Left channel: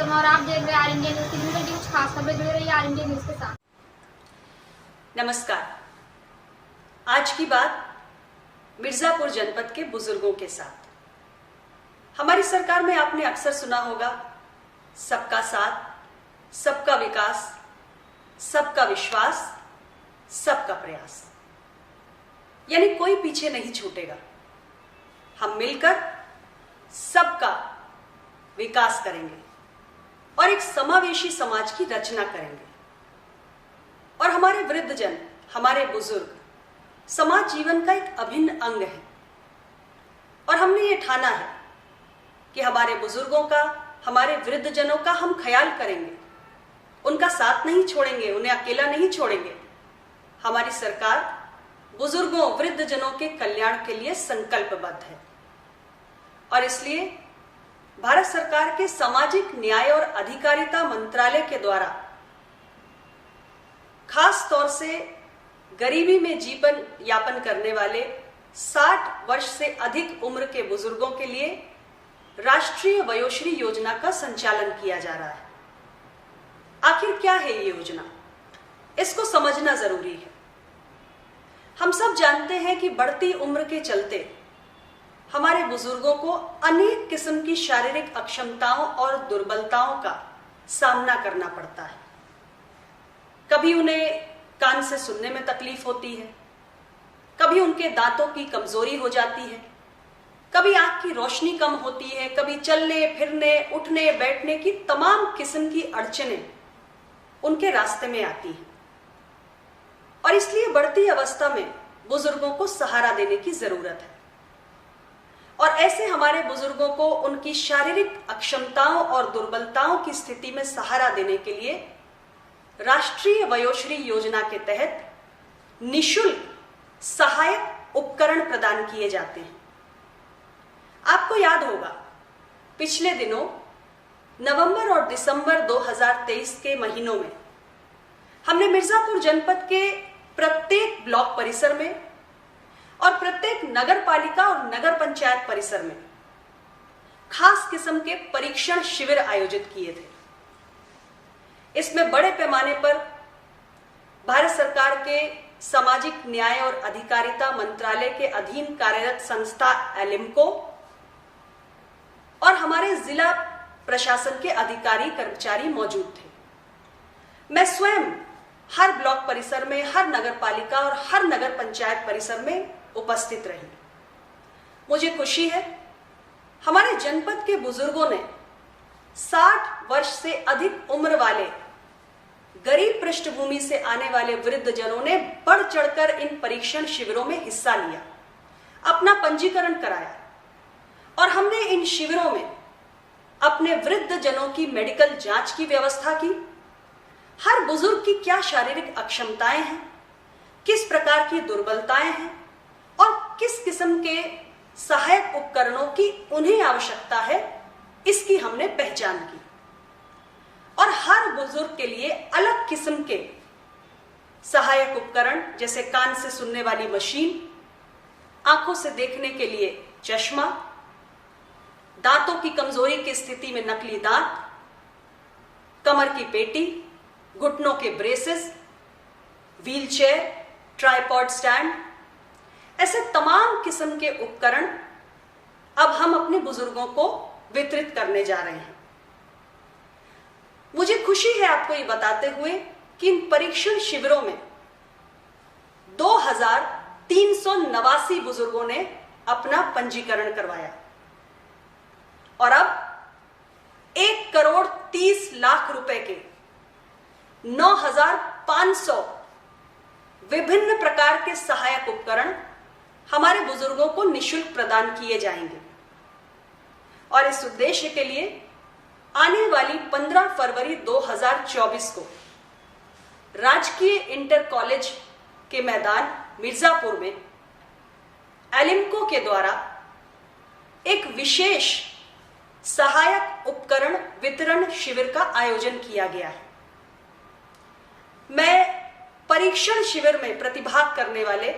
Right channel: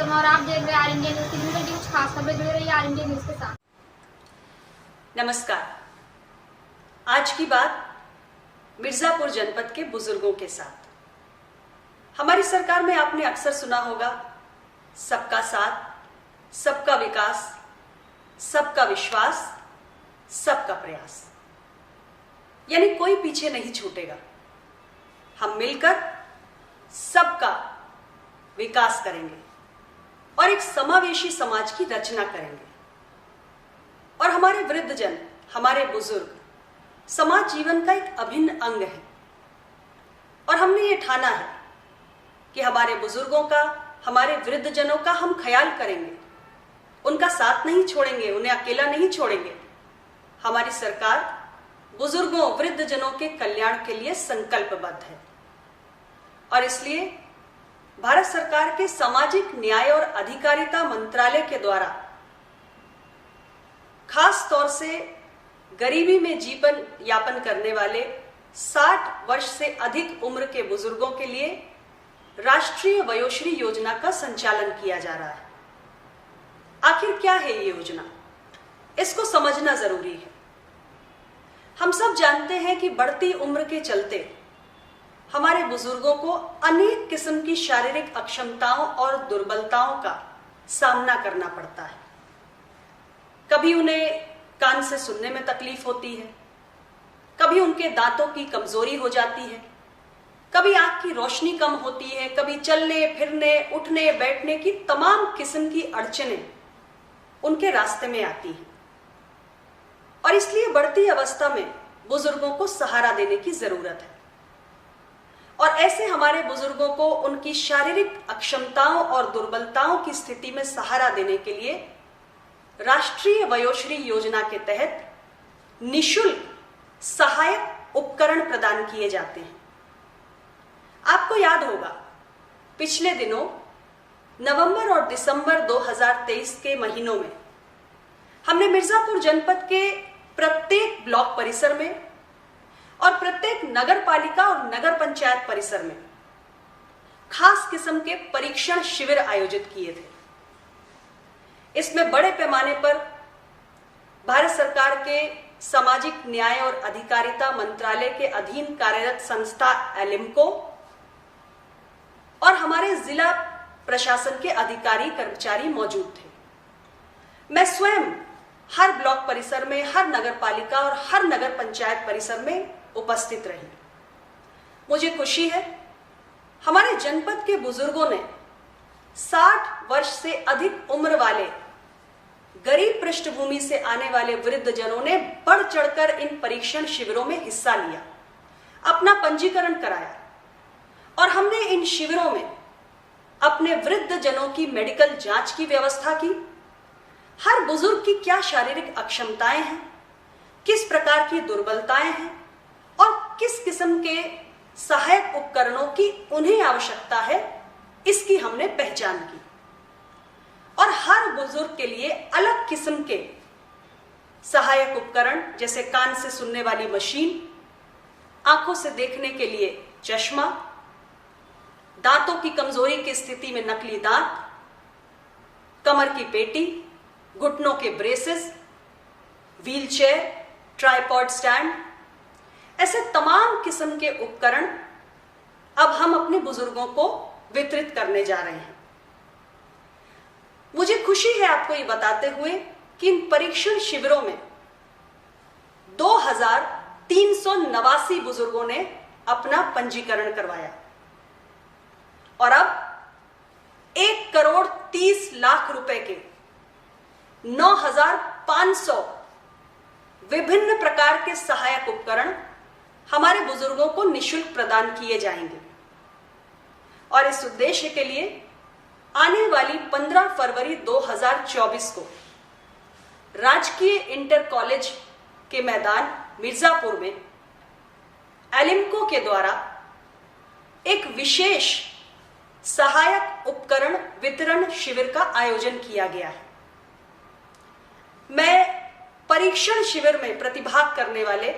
शर्मा और आप देख रहे हैं आर इंडिया न्यूज। दिन भर की कुछ खास खबरें जुड़े रही आर इंडिया न्यूज के साथ। नमस्कार। आज की बात मिर्जापुर जनपद के बुजुर्गों के साथ। हमारी सरकार में आपने अक्सर सुना होगा, सबका साथ, सबका विकास, सबका विश्वास, सबका प्रयास। यानी कोई पीछे नहीं छूटेगा। हम मिलकर सबका विकास करेंगे और एक समावेशी समाज की रचना करेंगे। और हमारे वृद्धजन, हमारे बुजुर्ग समाज जीवन का एक अभिन्न अंग है। और हमने ये ठाना है कि हमारे बुजुर्गों का, हमारे वृद्धजनों का हम ख्याल करेंगे, उनका साथ नहीं छोड़ेंगे, उन्हें अकेला नहीं छोड़ेंगे। हमारी सरकार बुजुर्गों, वृद्धजनों के कल्याण के लिए संकल्पबद्ध है। और इसलिए भारत सरकार के सामाजिक न्याय और अधिकारिता मंत्रालय के द्वारा खास तौर से गरीबी में जीवन यापन करने वाले 60 वर्ष से अधिक उम्र के बुजुर्गों के लिए राष्ट्रीय वयोश्री योजना का संचालन किया जा रहा है। आखिर क्या है ये योजना, इसको समझना जरूरी है। हम सब जानते हैं कि बढ़ती उम्र के चलते हमारे बुजुर्गों को अनेक किस्म की शारीरिक अक्षमताओं और दुर्बलताओं का सामना करना पड़ता है। कभी उन्हें कान से सुनने में तकलीफ होती है, कभी उनके दांतों की कमजोरी हो जाती है, कभी आंख की रोशनी कम होती है, कभी चलने फिरने, उठने बैठने की तमाम किस्म की अड़चनें उनके रास्ते में आती हैं। और इसलिए बढ़ती अवस्था में बुजुर्गों को सहारा देने की जरूरत है। और ऐसे हमारे बुजुर्गों को उनकी शारीरिक अक्षमताओं और दुर्बलताओं की स्थिति में सहारा देने के लिए राष्ट्रीय वयोश्री योजना के तहत निःशुल्क सहायक उपकरण प्रदान किए जाते हैं। आपको याद होगा, पिछले दिनों नवंबर और दिसंबर 2023 के महीनों में हमने मिर्जापुर जनपद के प्रत्येक ब्लॉक परिसर में और प्रत्येक नगर पालिका और नगर पंचायत परिसर में खास किस्म के परीक्षण शिविर आयोजित किए थे। इसमें बड़े पैमाने पर भारत सरकार के सामाजिक न्याय और अधिकारिता मंत्रालय के अधीन कार्यरत संस्था एलिम्को और हमारे जिला प्रशासन के अधिकारी कर्मचारी मौजूद थे। मैं स्वयं हर ब्लॉक परिसर में, हर नगर पालिका और हर नगर पंचायत परिसर में उपस्थित रही। मुझे खुशी है, हमारे जनपद के बुजुर्गों ने 60 वर्ष से अधिक उम्र वाले गरीब पृष्ठभूमि से आने वाले वृद्धजनों ने बढ़ चढ़कर इन परीक्षण शिविरों में हिस्सा लिया, अपना पंजीकरण कराया। और हमने इन शिविरों में अपने वृद्धजनों की मेडिकल जांच की व्यवस्था की। हर बुजुर्ग की क्या शारीरिक अक्षमताएं हैं, किस प्रकार की दुर्बलताएं हैं और किस किस्म के सहायक उपकरणों की उन्हें आवश्यकता है, इसकी हमने पहचान की। और हर बुजुर्ग के लिए अलग किस्म के सहायक उपकरण, जैसे कान से सुनने वाली मशीन, आंखों से देखने के लिए चश्मा, दांतों की कमजोरी की स्थिति में नकली दांत, कमर की पेटी, घुटनों के ब्रेसेस, व्हीलचेयर, ट्राइपॉड स्टैंड, ऐसे तमाम किस्म के उपकरण अब हम अपने बुजुर्गों को वितरित करने जा रहे हैं। मुझे खुशी है आपको ये बताते हुए कि इन परीक्षण शिविरों में 2389 बुजुर्गों ने अपना पंजीकरण करवाया। और अब 1,30,00,000 रुपए के 9,500 विभिन्न प्रकार के सहायक उपकरण हमारे बुजुर्गों को निःशुल्क प्रदान किए जाएंगे। और इस उद्देश्य के लिए आने वाली 15 फरवरी 2024 को राजकीय इंटर कॉलेज के मैदान मिर्जापुर में एलिम्को के द्वारा एक विशेष सहायक उपकरण वितरण शिविर का आयोजन किया गया है। मैं परीक्षण शिविर में प्रतिभाग करने वाले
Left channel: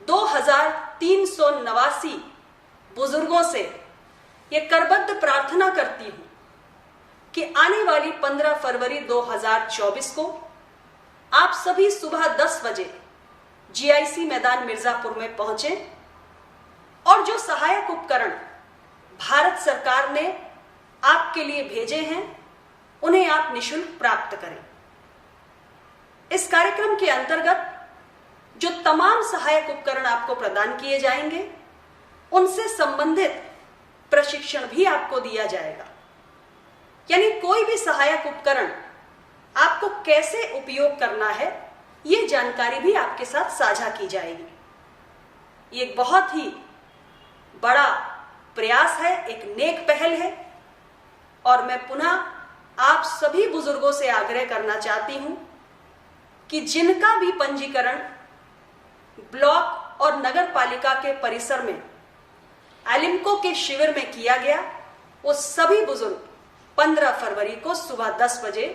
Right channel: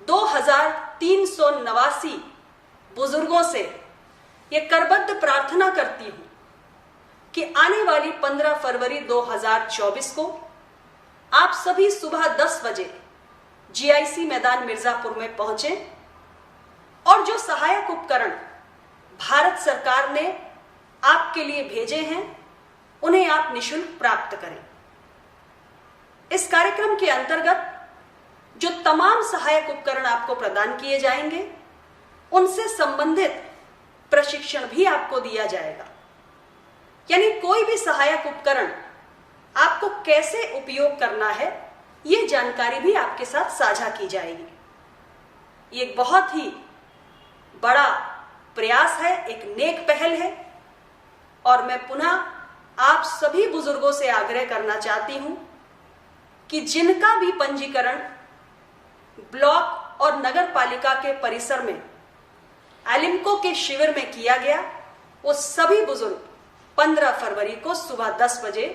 2389 बुजुर्गों से ये करबद्ध प्रार्थना करती हूं कि आने वाली 15 फरवरी 2024 को आप सभी सुबह 10 बजे जीआईसी मैदान मिर्जापुर में पहुंचे और जो सहायक उपकरण भारत सरकार ने आपके लिए भेजे हैं उन्हें आप निशुल्क प्राप्त करें। इस कार्यक्रम के अंतर्गत जो तमाम सहायक उपकरण आपको प्रदान किए जाएंगे उनसे संबंधित प्रशिक्षण भी आपको दिया जाएगा। यानी कोई भी सहायक उपकरण आपको कैसे उपयोग करना है यह जानकारी भी आपके साथ साझा की जाएगी। ये एक बहुत ही बड़ा प्रयास है, एक नेक पहल है और मैं पुनः आप सभी बुजुर्गों से आग्रह करना चाहती हूं कि जिनका भी पंजीकरण ब्लॉक और नगर पालिका के परिसर में एलिम्को के शिविर में किया गया, वो सभी बुजुर्ग 15 फरवरी को सुबह 10 बजे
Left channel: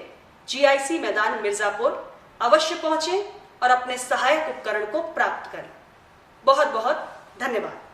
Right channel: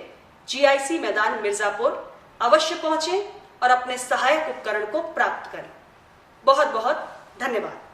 जीआईसी मैदान मिर्जापुर अवश्य पहुंचें और अपने सहायक उपकरण को प्राप्त करें। बहुत बहुत धन्यवाद।